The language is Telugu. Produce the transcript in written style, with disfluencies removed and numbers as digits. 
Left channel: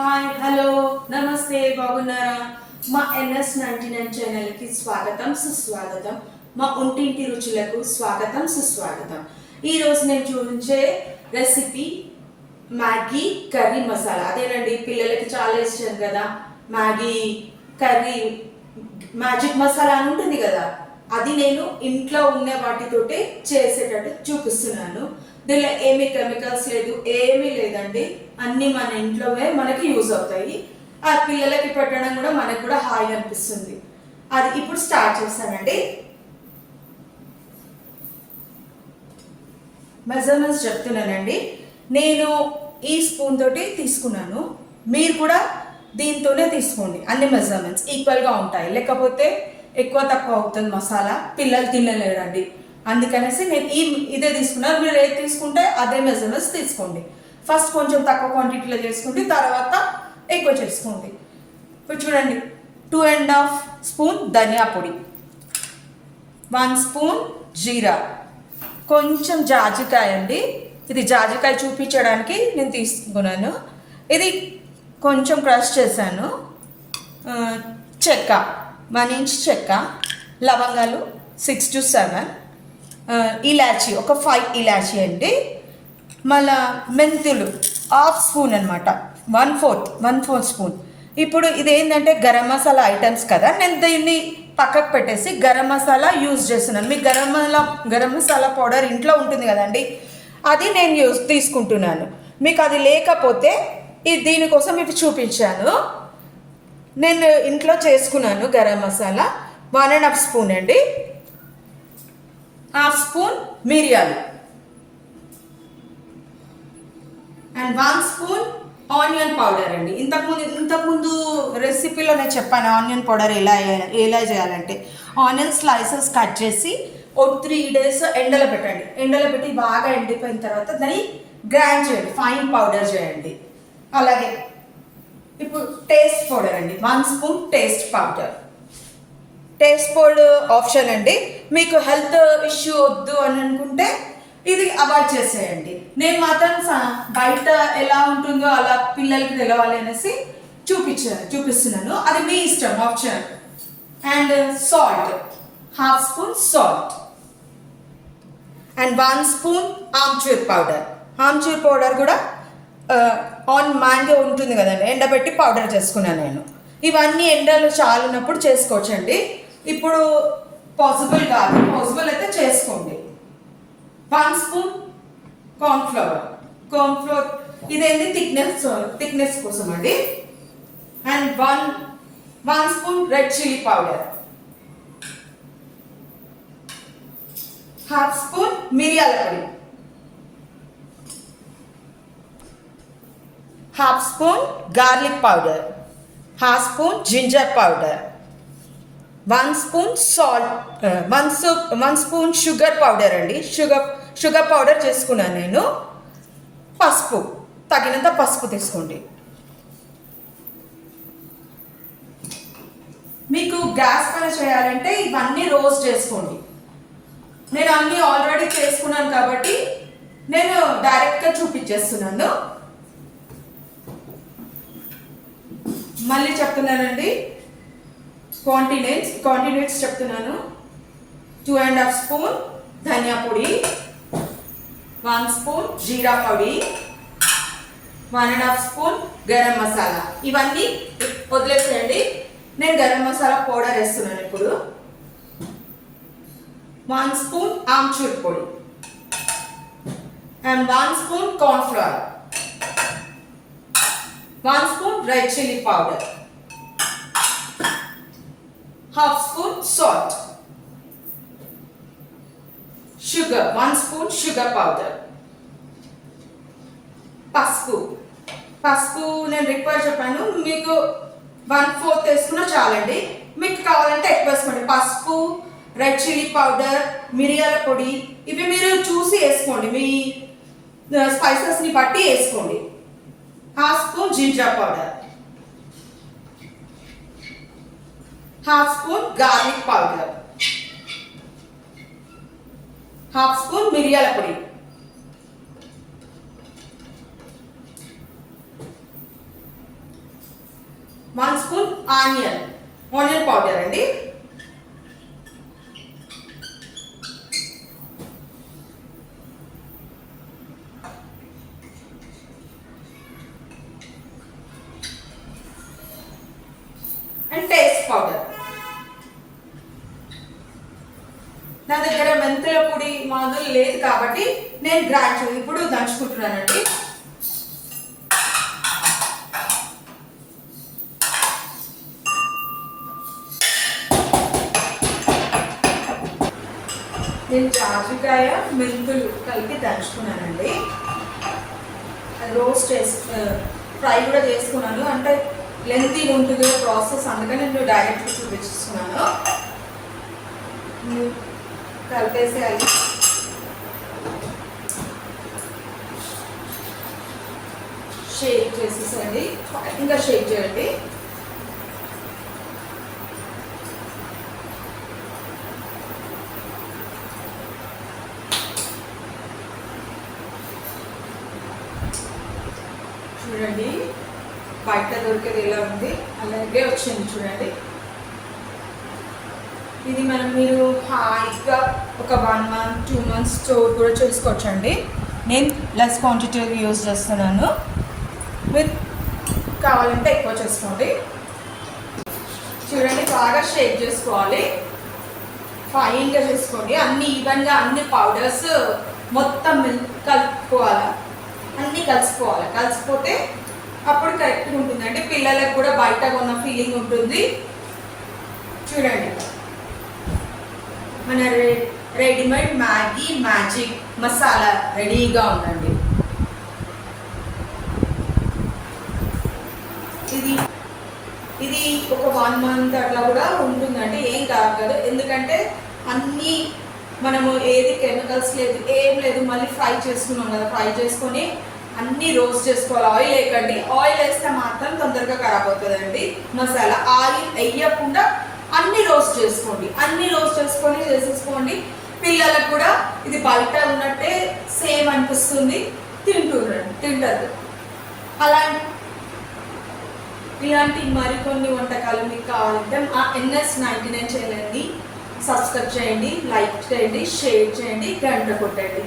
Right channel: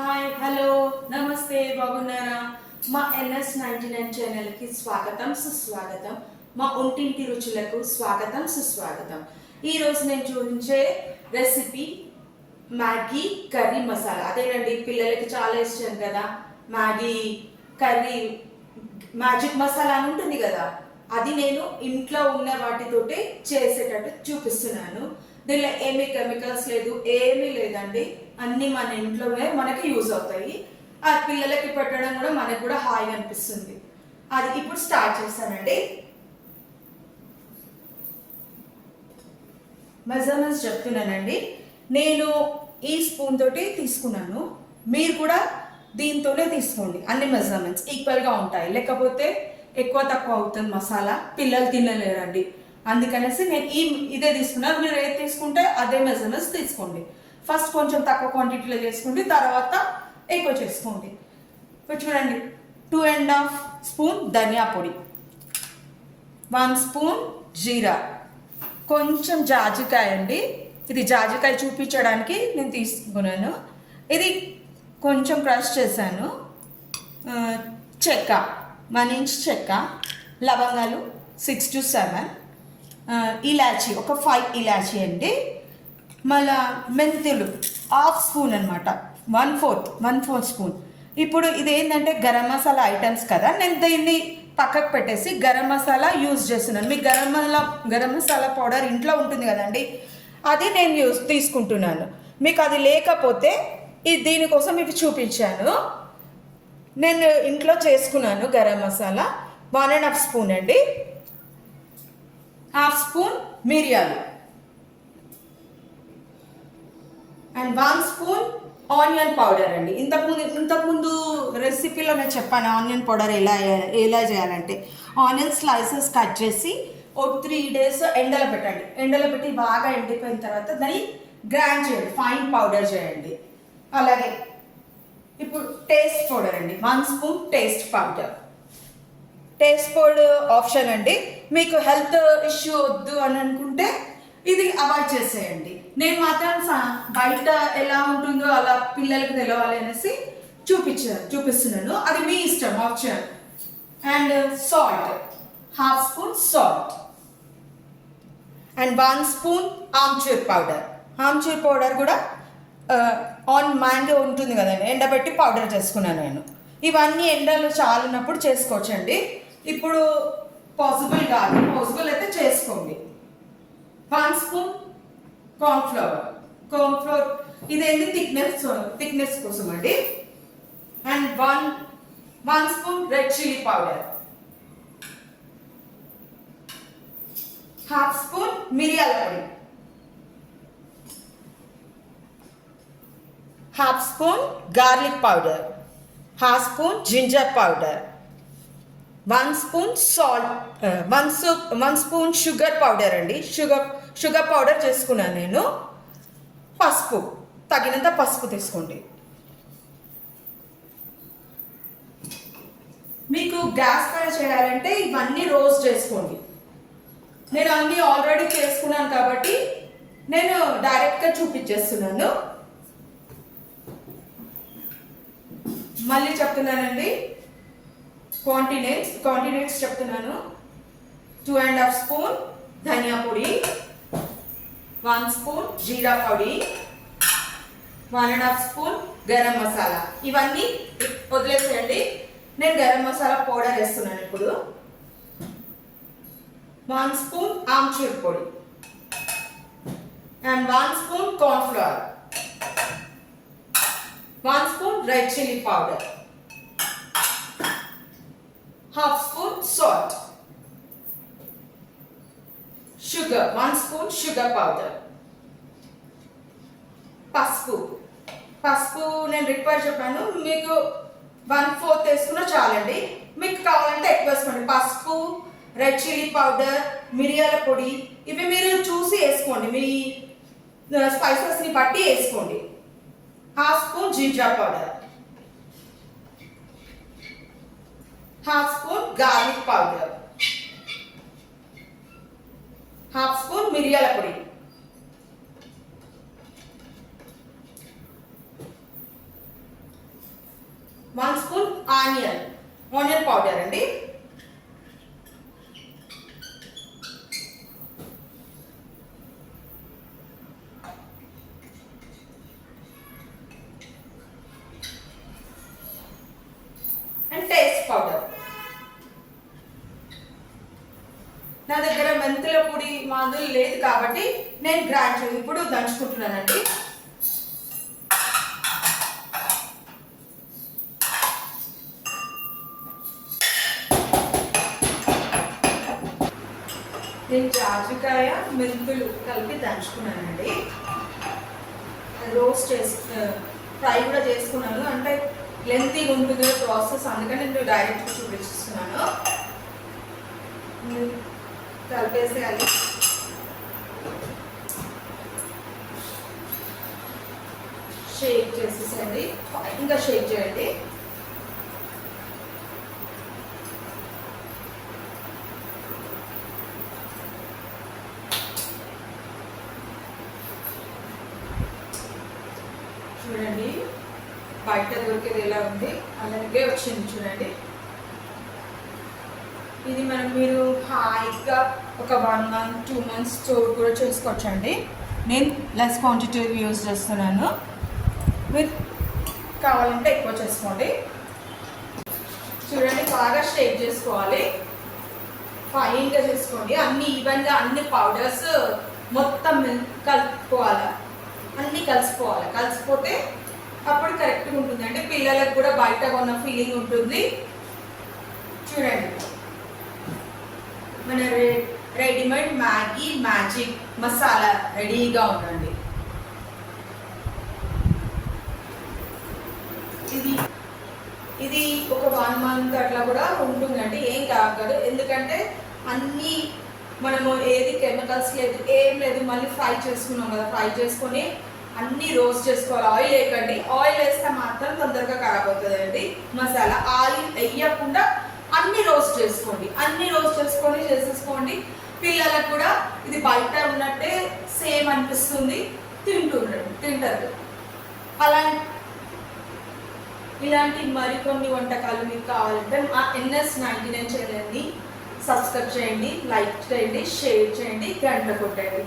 హాయ్ హలో నమస్తే బాగున్నారా? మా NS99 ఛానల్కి స్వాగతం సుస్వాగతం. మా ఒంటింటి రుచులకు స్వాగతం సుస్వాగతం. ఈరోజు నేను చూపించే రెసిపీ మ్యాగీ కర్రీ మసాలా. అదేనండి, పిల్లలకి చాలా ఇష్టం కదా మ్యాగీ కర్రీ. మ్యాజిక్ మసాలా అని ఉంటుంది కదా, అది నేను ఇంట్లో ఉన్న వాటితోటే చేసేటట్టు చూపిస్తున్నాను. దీనిలో ఏమీ కెమికల్స్ లేదు, ఏమీ లేదండి. అన్నీ మన ఇంట్లోనే మనకి యూజ్ అవుతాయి. ఆ పిల్లలకి పెట్టడం కూడా మనకు కూడా హాయిగా అనిపిస్తుంది. అది ఇప్పుడు స్టార్ట్ చేస్తానండి. మెజర్మెంట్స్ చెప్తున్నానండి. నేను ఈ స్పూన్ తోటి తీసుకున్నాను, మీరు కూడా దీంతోనే తీసుకోండి. అన్ని మెజర్మెంట్స్ ఈక్వల్గా ఉంటాయి, లేకపోతే ఎక్కువ తక్కువ అవుతుంది మసాలా, పిల్లలు తినలేరండి. అందుకనేసి నేను ఇదే తీసుకున్నాను. మీరు ఏది తీసుకుంటే అదే మెజర్మెంట్స్ తీసుకోండి. ఫస్ట్ కొంచెం తక్కువ క్వాంటిటీలో చేసుకోండి, తర్వాత ఎక్కువ చేసుకోండి. ఇప్పుడు చూడండి, 2.5 స్పూన్ ధనియా పొడి, 1 స్పూన్ జీరా, కొంచెం జాజికాయ అండి. ఇది జాజికాయ చూపించడానికి నేను తీసుకున్నాను. ఇది కొంచెం క్రష్ చేశాను. చెక్క 1 ఇంచ్ చెక్క, లవంగాలు 6 to 7, ఇలాచీ ఒక 5 ఇలాచీ అండి. మళ్ళా మెంతులు 1/2 స్పూన్ అనమాట, 1/4 స్పూన్. ఇప్పుడు ఇదేంటంటే గరం మసాలా ఐటమ్స్ కదా, నేను దీన్ని పక్కకు పెట్టేసి గరం మసాలా యూజ్ చేస్తున్నాను. మీకు గరం మసాలా పౌడర్ ఇంట్లో ఉంటుంది కదండి, అది నేను తీసుకుంటున్నాను. మీకు అది లేకపోతే దీనికోసం మీకు చూపించాను. నేను ఇంట్లో చేసుకున్నాను గరం మసాలా. 1.5 స్పూన్ అండి. 1/2 స్పూన్ మిరియాలు అండ్ 1 స్పూన్ ఆనియన్ పౌడర్ అండి. ఇంతకుముందు రెసిపీలో నేను చెప్పాను ఆనియన్ పౌడర్ ఎలా చేయాలంటే, ఆనియన్ స్లైసెస్ కట్ చేసి ఓ 3 days ఎండలో పెట్టండి. ఎండలో పెట్టి బాగా ఎండిపోయిన తర్వాత దాన్ని గ్రైండ్ చేయండి, ఫైన్ పౌడర్ చేయండి. అలాగే ఇప్పుడు టేస్ట్ పౌడర్ అండి, 1 spoon taste powder. Taste powder option అండి. మీకు హెల్త్ ఇష్యూ వద్దు అని అనుకుంటే ఇది అవాయిడ్ చేసేయండి. నేను మాత్రం బయట ఎలా ఉంటుందో అలా పిల్లలకి తెలవాలి అనేసి చూపిస్తున్నాను. అది మీ ఇష్టం, option. And salt, 1/2 spoon salt and 1 spoon amchur powder. Amchur powder కూడా ఆన్ మ్యాంగో ఉంటుంది కదండి, ఎండబెట్టి పౌడర్ చేసుకున్నాను నేను. ఇవన్నీ ఎండలో చాలున్నప్పుడు చేసుకోవచ్చండి. ఇప్పుడు పాసిబుల్ కాదు, పాసిబుల్ అయితే చేసుకోండి. 1 స్పూన్ కార్న్ఫ్లవర్ ఇదేంటి థిక్నెస్ కోసం అండి. And 1 spoon red chilli powder, 1/2 spoon మిరియాల పొడి, 1/2 spoon garlic powder, 1/2 spoon ginger powder, 1 spoon salt, 1 spoon sugar powder అండి. షుగర్ పౌడర్ చేసుకున్నాను నేను. పసుపు, తగినంత పసుపు తీసుకోండి. మీకు గ్యాస్ పైన చేయాలంటే ఇవన్నీ రోస్ట్ చేసుకోండి. నేను అన్నీ ఆల్రెడీ చేసుకున్నాను కాబట్టి నేను డైరెక్ట్గా చూపించేస్తున్నాను. మళ్ళీ చెప్తున్నానండి, క్వాంటిటీస్ చెప్తున్నాను. 2.5 స్పూన్ ధనియా పొడి, 1 స్పూన్ జీరా పొడి, 1.5 స్పూన్ గరం మసాలా. ఇవన్నీ వదిలేసేయండి. నేను గరం మసాలా పౌడర్ వేస్తున్నాను ఇప్పుడు. 1 స్పూన్ ఆమ్చూర్ పొడి and 1 spoon cornflour, 1 spoon red chilli powder, 1/2 spoon salt, sugar 1 spoon sugar powder, పసుపు నేను రిక్వైర్ చెప్పాను, మీకు 1/4 వేసుకున్నా చాలండి. మీకు కావాలంటే ఎక్కువ వేసుకోండి. పసుపు, రెడ్ చిల్లీ పౌడర్, మిరియాల పొడి ఇవి మీరు చూసి వేసుకోండి, మీ స్పైసెస్ని బట్టి వేసుకోండి. 1/2 spoon ginger powder, 1/2 spoon garlic powder, 1/2 spoon మిరియాల పొడి, ఆనియన్ పౌడర్ అండి. And taste powder. నా దగ్గర మెంతుల పొడి మామూలు లేదు కాబట్టి నేను గ్రైండ్ ఇప్పుడు దంచుకుంటున్నానండి. నేను జాజికాయ మెంతులు కలిపి దంచుకున్నానండి. అది రోస్ట్ ఫ్రై కూడా చేసుకున్నాను. అంటే లెంతీ ఉంటుంది ప్రాసెస్, అందుకని నేను డైరెక్ట్ చూపిస్తున్నాను. కలిపేసేయాలి. షేక్ చేసేసండి, ఇంకా షేక్ చేయండి. చూడండి బయట దొరికేది ఎలా ఉంది, అలాగే వచ్చింది చూడండి. ఇది మీరు హాయిగా ఒక 1 month 2 months స్టోర్ కూడా చేసుకోవచ్చండి. నేను లెస్ క్వాంటిటీ యూజ్ చేస్తున్నాను, మీరు కావాలంటే ఎక్కువ చేసుకోండి. చూడండి బాగా షేక్ చేసుకోవాలి, ఫైన్గా చేసుకోండి. అన్ని ఈవెన్గా అన్ని పౌడర్స్ మొత్తం కలుపుకోవాలి, అన్నీ కలిసిపోతే అప్పుడు కరెక్ట్గా ఉంటుంది. అంటే పిల్లలకు కూడా బయట ఉన్న ఫీలింగ్ ఉంటుంది. చూడండి మన రెడీమేడ్ మ్యాగీ మ్యాజిక్ మసాలా రెడీగా ఉందండి. ఇది ఒక 1 month అట్లా కూడా ఉంటుందండి, ఏం కాదు. ఎందుకంటే అన్నీ మనము ఏది కెమికల్స్ లేదు, ఏం లేదు. మళ్ళీ ఫ్రై చేసుకున్నాం కదా, ఫ్రై చేసుకొని అన్నీ రోస్ట్ చేసుకోవాలి. ఆయిల్ వేయకండి, ఆయిల్ వేస్తే మాత్రం తొందరగా ఖరాబ్ అవుతుందండి మసాలా. ఆయిల్ వేయకుండా అన్నీ రోస్ట్ చేసుకోండి, అన్నీ రోస్ట్ చేసుకొని చేసేసుకోండి. పిల్లలకు కూడా ఇది బయట ఉన్నట్టే సేమ్ అనిపిస్తుంది, తింటారు. ఇలాంటి మరికొన్ని వంటకాలు మీకు కావాలంటే మా NS99 ఛానల్ని సబ్స్క్రైబ్ చేయండి, లైక్ చేయండి, షేర్ చేయండి, గంట కొట్టండి.